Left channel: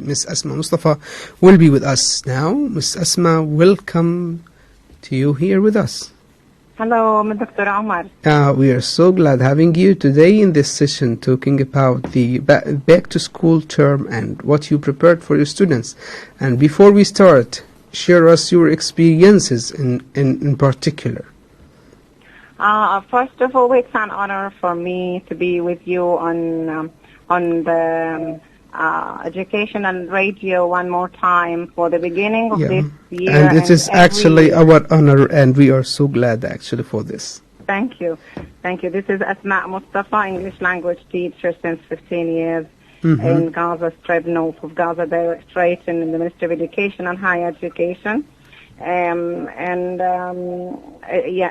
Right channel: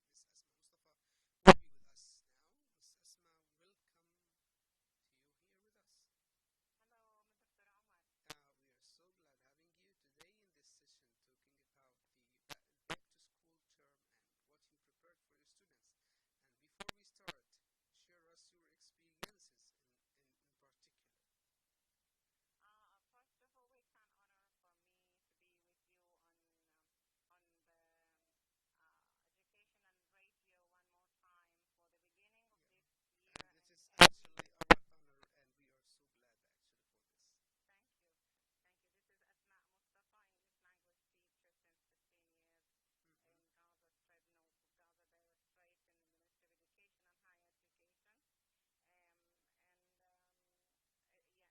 Miss Asma Mustafa will be with us now. Miss Asma, welcome to you here with us. Hello, Dr. Omar. We are so glad having you today in this session talking about the back to school term and what you prepared for your students. And before we start, share us your experiences in particular. First of all, it's an honor for me to be with you on the education and radio one more time for the beginning of this year. And it is actually our honor, and we are so glad actually for this. Thank you. Thank you. This is Asma Mustafa, English language teacher since 15 years in Gaza Strip, north of Gaza, straight in the Ministry of Education and Higher Education. Yeah,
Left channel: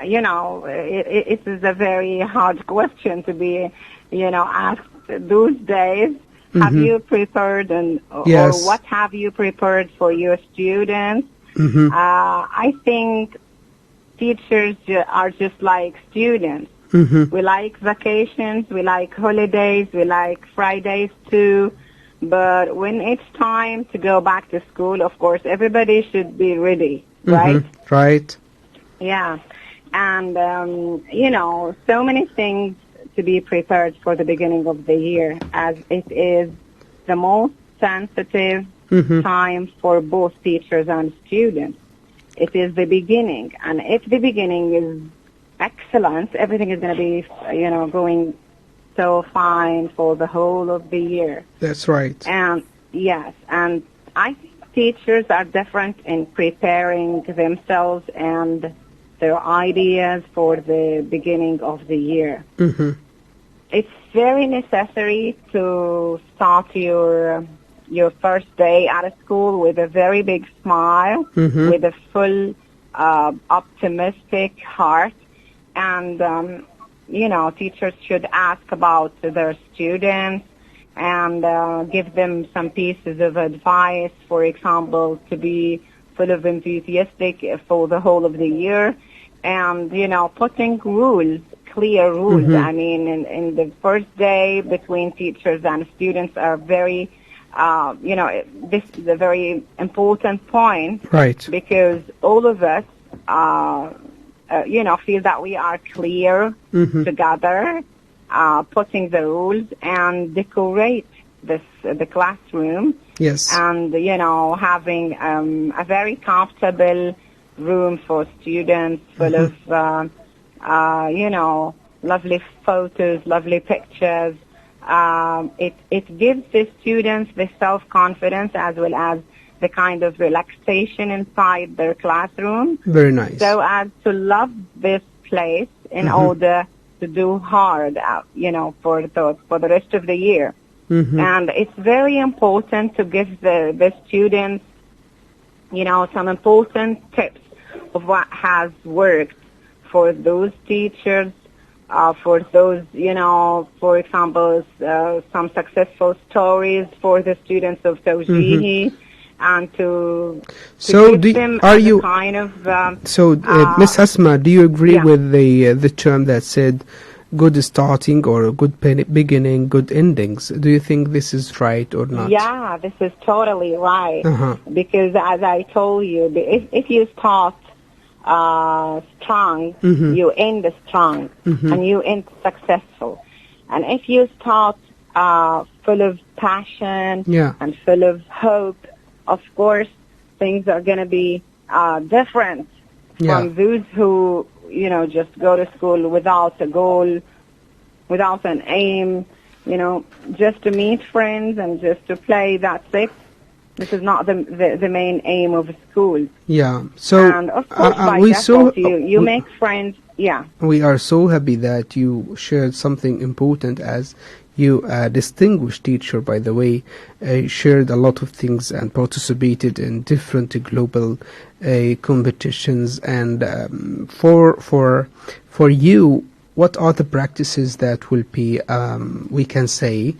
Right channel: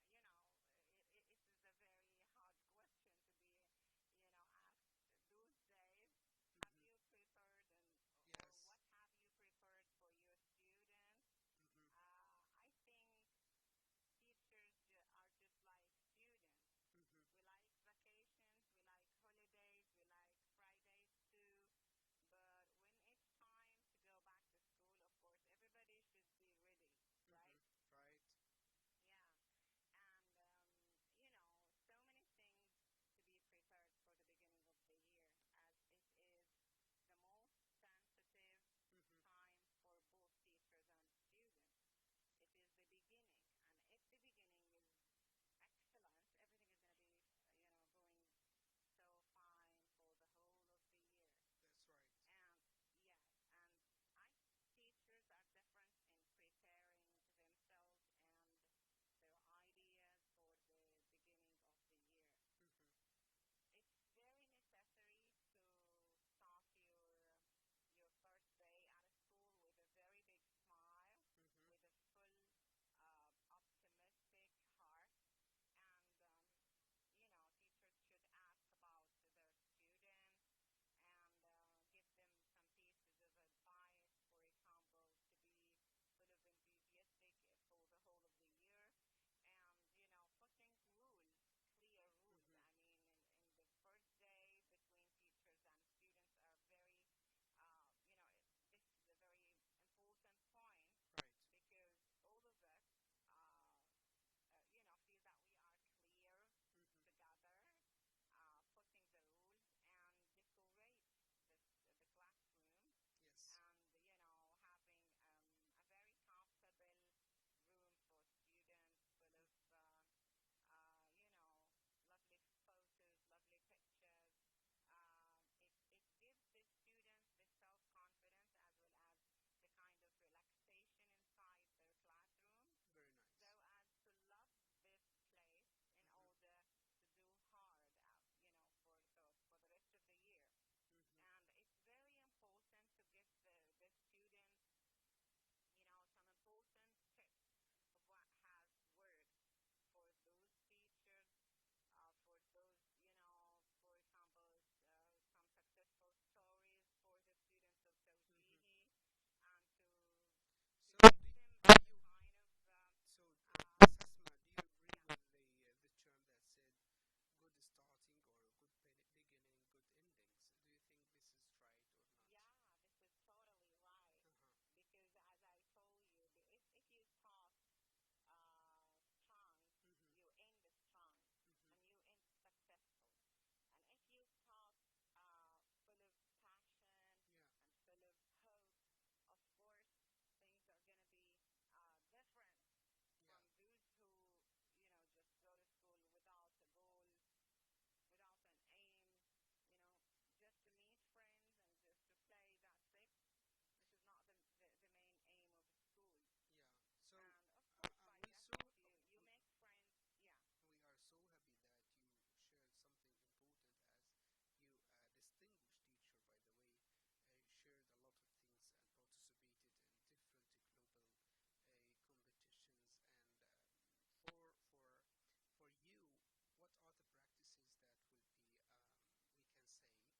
you know, it is a very hard question to be, asked those days. Have you prepared or what have you prepared for your students? I think teachers are just like students. We like vacations, we like holidays, we like Fridays too. But when it's time to go back to school, of course, everybody should be ready, right? Right. Yeah. And, so many things to be prepared for the beginning of the year, as it is the most sensitive time for both teachers and students. It is the beginning, and if the beginning is excellent, everything is going to be, going so fine for the whole of the year. That's right. And yes, and I think teachers are different in preparing themselves and their ideas for the beginning of the year. It's very necessary to start your first day at school with a very big smile, with a full optimistic heart, and teachers should ask about their students and give them some pieces of advice, for example, to be full of enthusiastic for the whole of the year. And, putting rules, clear rules. I mean, in the first day between teachers and students are very, this is a very important point. Right. Because all of us, feel that we are clear together, putting the rules and decorate the classroom. Yes. And, having a very comfortable room for students full of, lovely photos, lovely pictures. It gives the students the self-confidence as well as the kind of relaxation inside their classroom. Very nice. So as to love this place in order to do hard, for the rest of the year. And it's very important to give the students, some important tips of what has worked for those teachers, for those, for example, some successful stories for the students of Tawjihi, and to give them kind of... Miss Asma, do you agree with the term that said good starting or a good beginning, good endings? Do you think this is right or not? Yeah, this is totally right. Because as I told you, if you start strong, you end strong, and you end successful. And if you start full of passion and full of hope, of course, things are going to be different from those who, just go to school without a goal, without an aim, just to meet friends and just to play, that's it. This is not the main aim of school. Yeah. So, and of course, by default, you make friends. Yeah. We are so happy that you shared something important, as you distinguished teacher, by the way, shared a lot of things and participated in different global competitions. And for you, what are the practices that will be, we can say,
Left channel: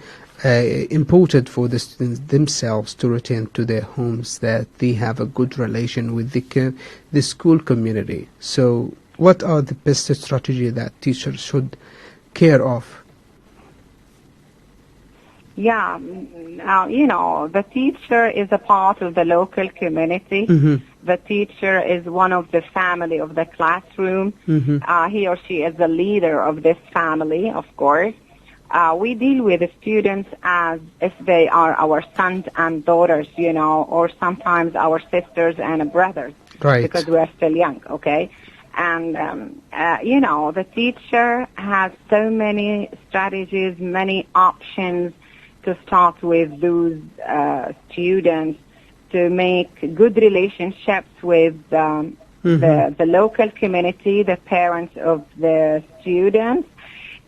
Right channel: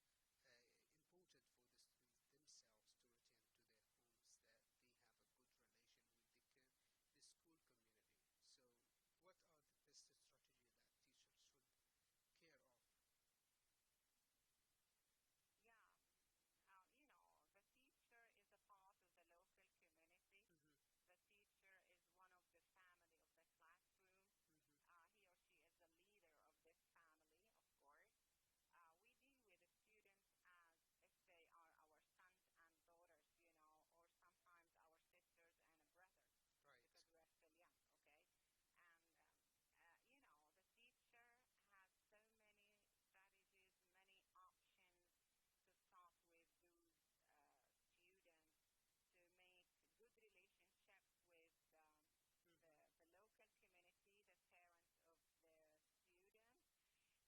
important for the students themselves to return to their homes, that they have a good relation with the school community? So what are the best strategy that teachers should care of? Yeah, the teacher is a part of the local community. The teacher is one of the family of the classroom. He or she is the leader of this family, of course. We deal with the students as if they are our sons and daughters, or sometimes our sisters and brothers, Right. because we are still young, okay? And, the teacher has so many strategies, many options to start with those students, to make good relationships with the local community, the parents of the students,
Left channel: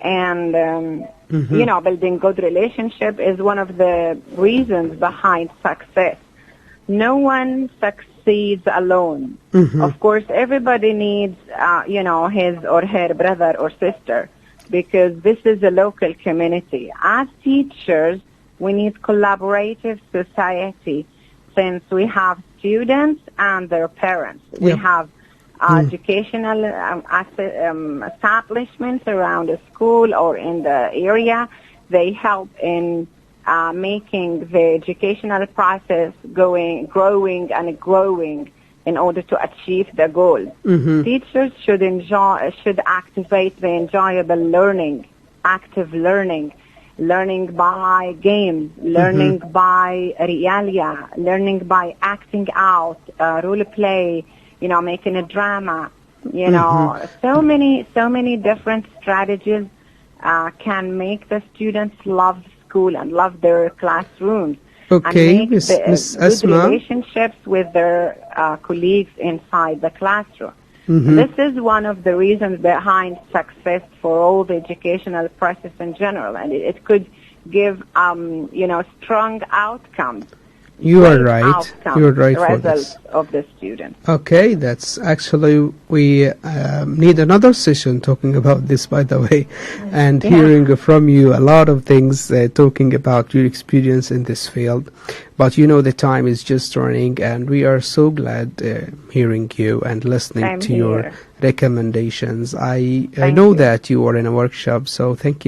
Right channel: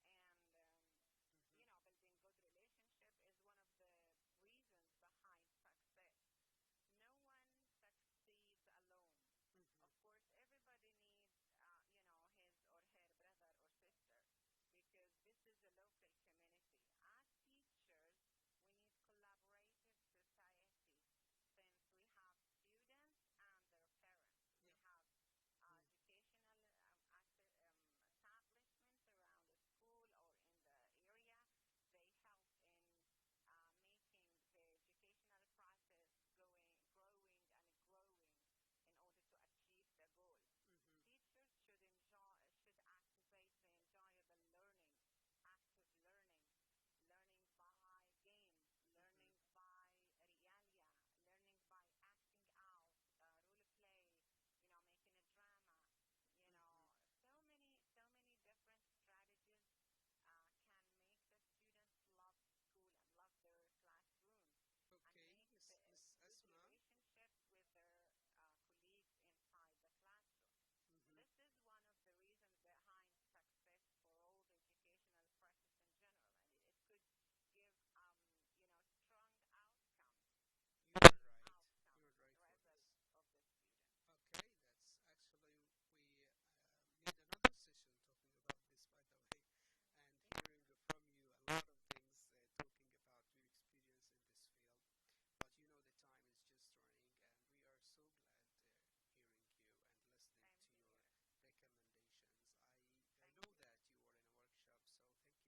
and building good relationship is one of the reasons behind success. No one succeeds alone. Of course, everybody needs, his or her brother or sister, because this is a local community. As teachers, we need collaborative society, since we have students and their parents. We have educational establishments around the school or in the area. They help in making the educational process growing and growing in order to achieve the goals. Teachers should activate the enjoyable learning, active learning by games, learning by realia, learning by acting out, role play, making a drama, so many different strategies can make the students love school and love their classrooms. Okay, and make Miss good Asma. relationships with their colleagues inside the classroom. This is one of the reasons behind success for all the educational process in general, and it could give, strong outcomes. You are great right. outcomes, You are right for this. results of the students. Okay, that's actually, we need another session talking about this, by the way, and hearing from you a lot of things, talking about your experience in this field. But the time is just running, and we are so glad hearing you and listening Same to your here. recommendations. I Thank know you. that you are in a workshop, so thank you